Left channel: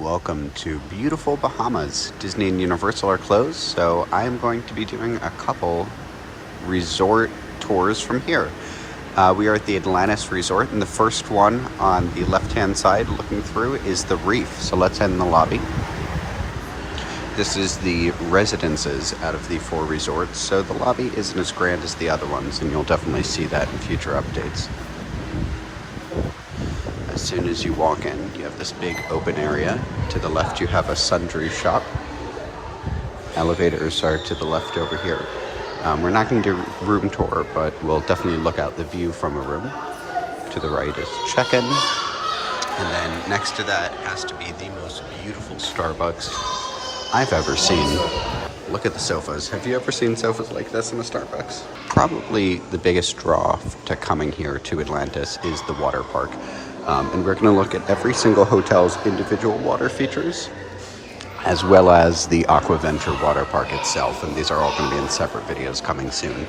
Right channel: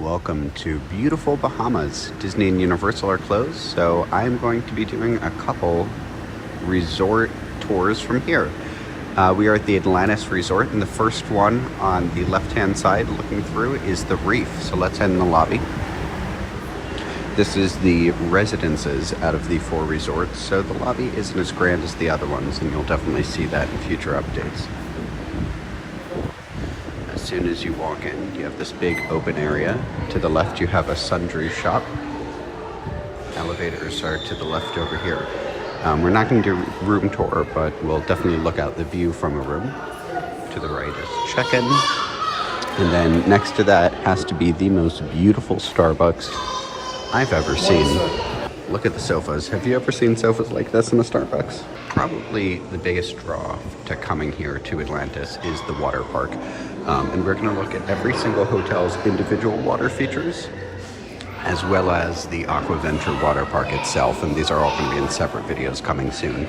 Welcome to beautiful Bahamas. Disney and Universal are closed, so I'm going to be doing a couple resort tours from here. We are at the Atlantis Resort, and the first one on the left-hand side looking through is the Reef. So let's head in the lobby. This is the residences out of the 4 resorts, so the lobby isn't as grand as the other ones, and you'll definitely see that in future updates. As soon as you walk in, you have this big open area. To the left, you have a sundry shop. Elevators are to the left over here. We're not going to do room tour, but we'll definitely look out the view from a room. To the right is check-in. And then next to that has to be the most beautiful Starbucks I've ever seen. Look at the sofas. Have you ever seen sofas like this in a Starbucks? Probably the biggest draw to coming here to Atlantis is the water park. And we're going to look at every single hotel's individual water features, as well as the Aquaventure water park itself. And these are all going to be in separate videos coming soon.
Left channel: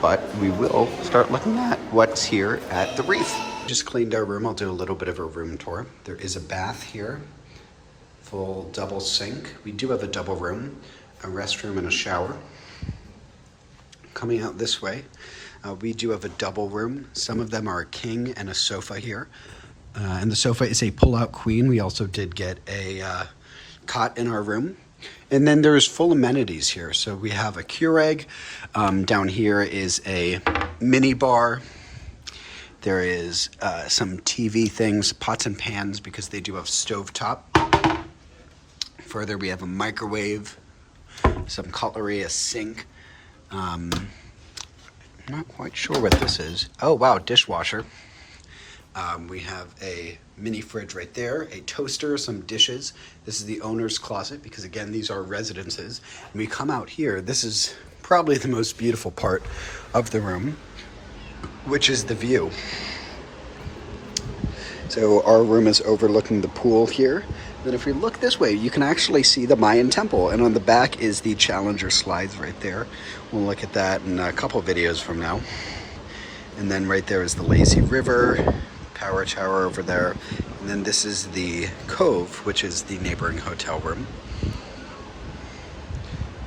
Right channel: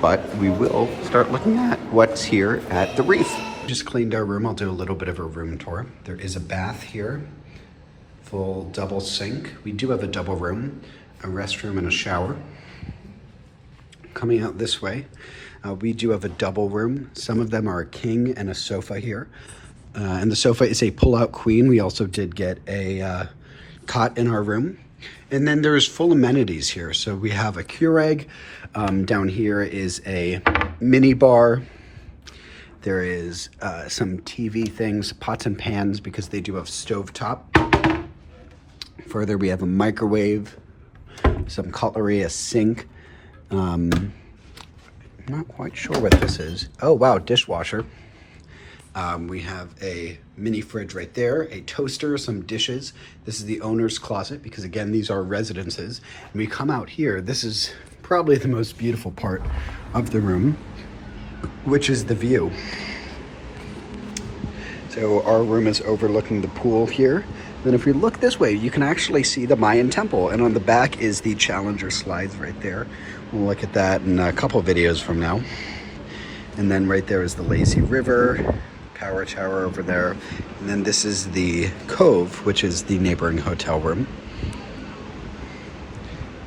But we will start looking at what's here at the Reef. Just cleaned our room. I'll do a little bit of a room tour. There is a bath here, full double sink. We do have a double room, a restroom and a shower. Coming out this way, we do have a double room. Some of them are a king and a sofa here. And the sofa is a pull-out queen. We also did get a cot in our room. And then there's full amenities here. So we have a Keurig. Down here is a mini bar. There is some TV things, pots and pans, because they do have stovetop. Further, we have a microwave, some cutlery, a sink. Not quite sure what this is. Oh, wow, dishwasher. We have a mini fridge right there, a toaster, some dishes. This is the owner's closet because, again, these are residences. When we come out here, this is probably the most beautiful part of the room, which is the view. So our room is overlooking the pool here. Then if we look this way, you can actually see the Mayan temple. And on the back is the Challenger slides right there. We'll look at that in a couple videos from now. And then right there is the lazy river, power tower over there. And then this is the Cove, which is the neighboring hotel room.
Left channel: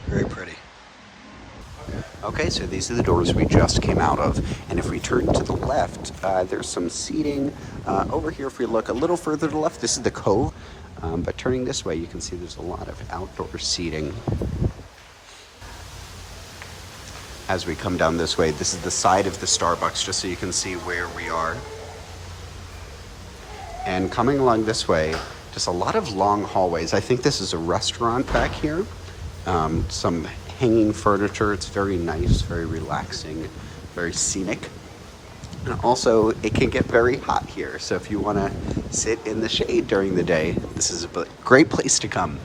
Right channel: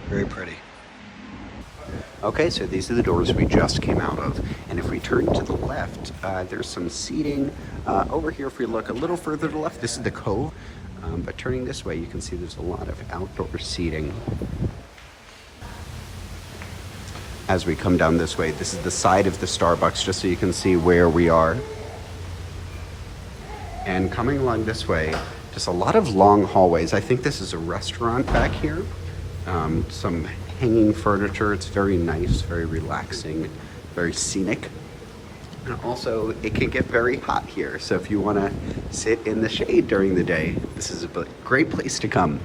Very pretty. Okay, so these are the doors we just came out of. And if we turn to the left, there's some seating. Over here, if we look a little further to the left, this is the Cove. But turning this way, you can see there's a lot of outdoor seating. As we come down this way, this is the side of the Starbucks, just so you can see where we are. And coming along this way, just a lot of long hallways. I think this is a restaurant back here. Some hanging furniture. It's very nice, very relaxing, very scenic. Also, it can get very hot here, so if you want to sit in the shade during the day, this is a great place to come.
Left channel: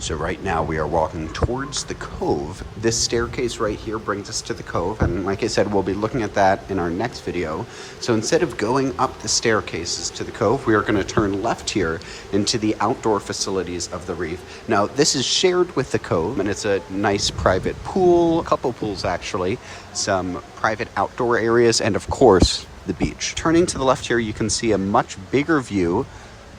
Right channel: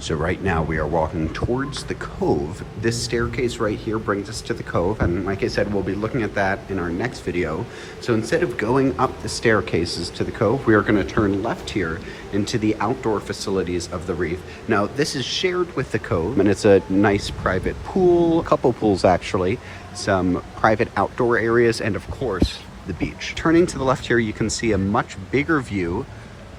So right now we are walking towards the Cove. This staircase right here brings us to the Cove, and like I said, we'll be looking at that in our next video. So instead of going up the staircases to the Cove, we are going to turn left here into the outdoor facilities of the Reef. Now, this is shared with the Cove, and it's a nice private pool, a couple pools actually, some private outdoor areas, and of course, the beach. Turning to the left here, you can see a much bigger view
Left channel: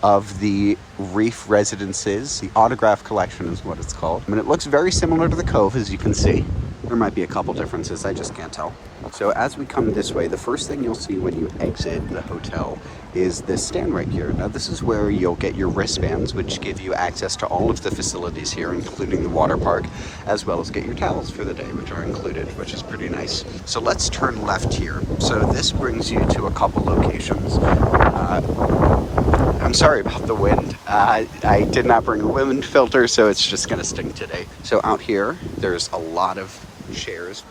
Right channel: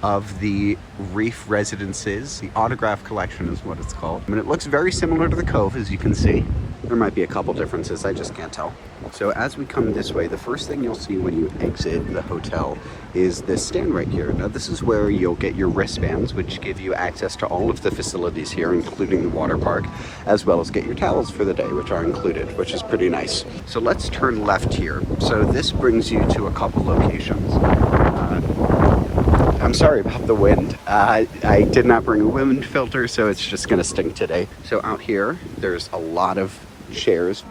of the Reef residences. The autograph collection is what it's called. And it looks very similar to the Cove, as you can see. There might be a couple differences, I just can't tell. So as we come this way, the first thing you'll see when you exit the hotel is this stand right here. Now this is where you'll get your wristbands, which give you access to all of the facilities here, including the water park, as well as get your towels for the day, which are included, which is pretty nice. So let's turn left here. So this brings you to a couple locations. I'm sorry about the wind. I did not bring a wind filter, so it's just gonna stink today. So out here, there's a lot of chairs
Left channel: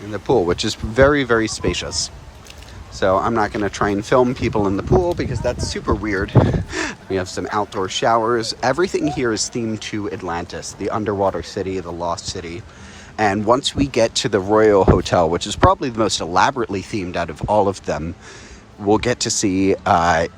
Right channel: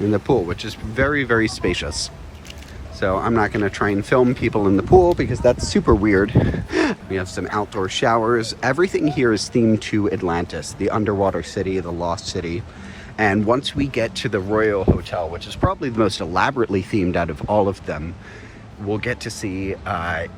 in the pool, which is very, very spacious. So I'm not gonna try and film people in the pool because that's super weird. We have some outdoor showers. Everything here is themed to Atlantis, the underwater city, the lost city. And once we get to the Royal Hotel, which is probably the most elaborately themed out of all of them, we'll get to see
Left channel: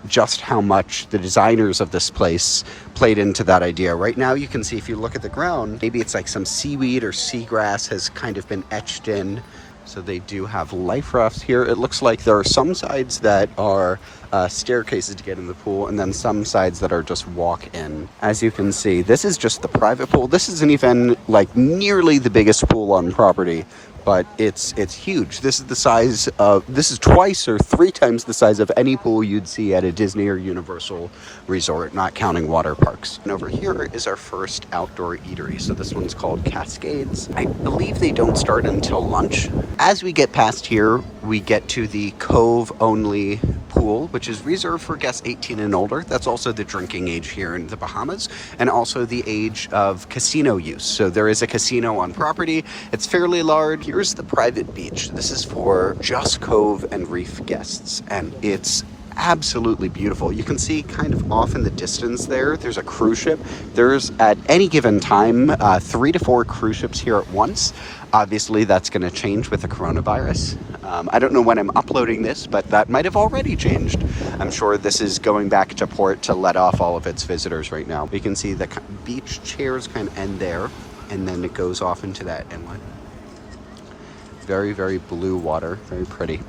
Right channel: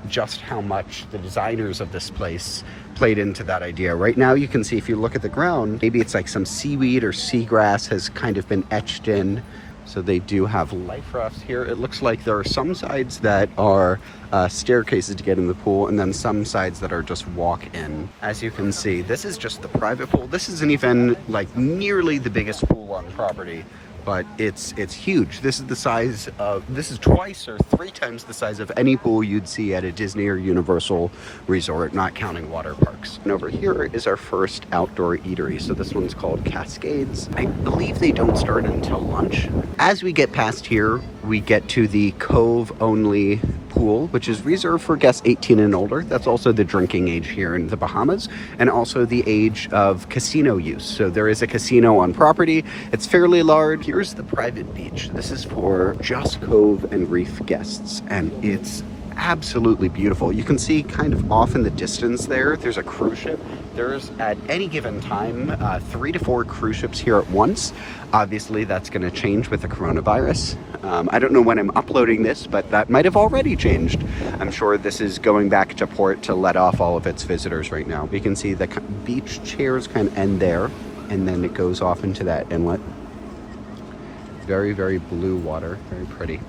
just how much the designers of this place played into that idea. Right now, you can see if you look at the ground, maybe it's like some seaweed or seagrass has kind of been etched in. So they do have life rafts here. It looks like there are some sides that are staircases to get in the pool, and then some sides that are just walk-in. As you can see, this is just the private pool. This isn't even like nearly the biggest pool on property, but it's huge. This is twice or 3 times the size of any pool you'd see at a Disney or Universal resort, not counting water parks. And over here is our first outdoor eatery. So this one's called Cascades. I believe they don't start until lunch. As we get past here, we get to the Cove only pool, which is reserved for guests 18 and older. That's also the drinking age here in the Bahamas, and also the age of casino use. So there is a casino on property. It's fairly large. Here's the private beach. This is for just Cove and Reef guests, and it's absolutely beautiful. You can see kind of off in the distance there's a cruise ship. There's at any given time 3 to 4 cruise ships here at once. Obviously that's going to change with the coronavirus. I don't know when I'm uploading this, but that might have already changed. I'm sure this is going back to port to let off all of its visitors right now. You can see the beach chairs kind of end there, and then it goes off into that inlet. Very, very blue water, very pretty.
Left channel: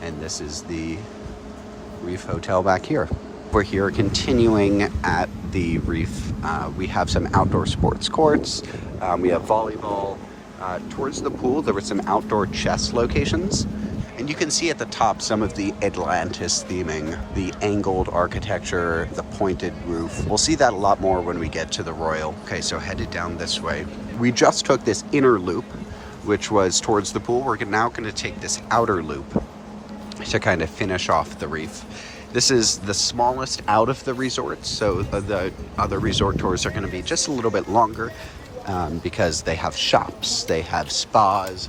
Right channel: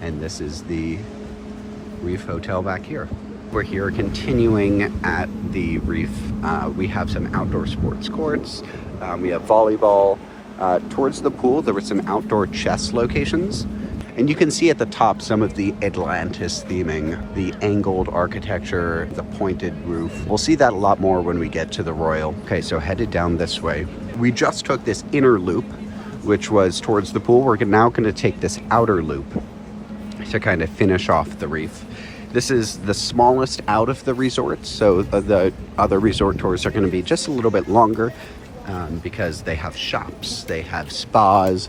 And this is the Reef Hotel back here. We're here continuing at the Reef. We have some outdoor sports courts. We have volleyball. Towards the pool, there were some outdoor chess locations. And you can see at the top some of the Atlantis theming, the angled architecture, the pointed roof. We'll see that a lot more when we get to the Royal. Okay, so headed down this way. We just took this inner loop, which was towards the pool. We're now going to take this outer loop to kind of finish off the Reef. This is the smallest out of the resorts, so the other resort tours are going to be just a little bit longer because they have shops, they have spas.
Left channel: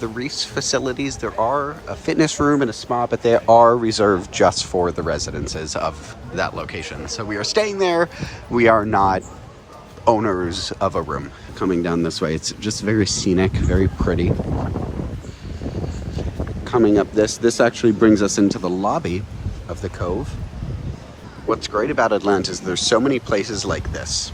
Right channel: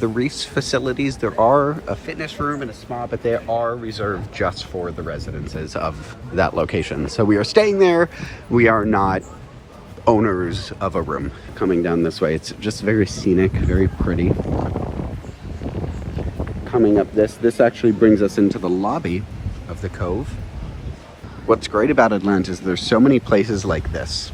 The Reef's facilities, there are a fitness room and a spa, but they are reserved just for the residences of that location. So we are staying there. We are not owners of a room. Coming down this way, it's just very scenic, very pretty. Coming up this actually brings us into the lobby of the Cove. What's great about Atlantis, there's so many places like this,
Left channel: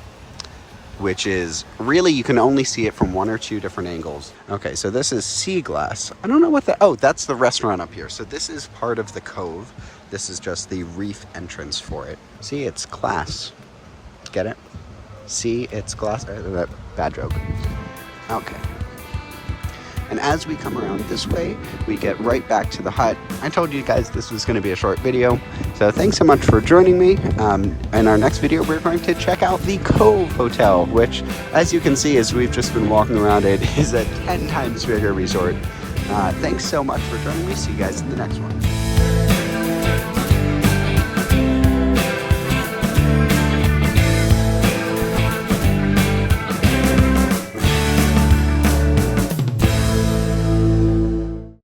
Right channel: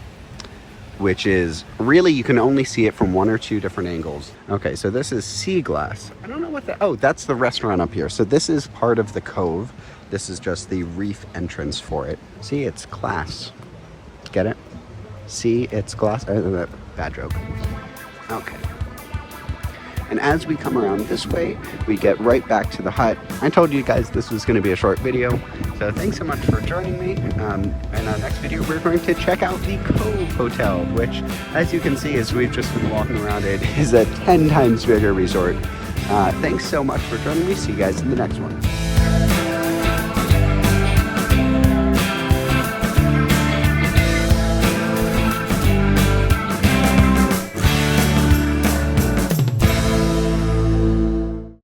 which is really, you can only see it from 1 or 2 different angles. Okay, so this is Sea Glass. I don't know what that's the restaurant up here. So this is part of the Cove. This is just the Reef entrance for it. See, it's glass. Get it? See, it's glass. Bad joke. Okay. And as we come around this way, we get right back to the hut. I told you guys this was going to be a short video, so thanks so much for joining me. In our next video, we're going to check out the Cove Hotel, which, as you can see, as we've just been walking around it, is a 10 times bigger resort. Thanks so much for joining me. See you guys in the next one.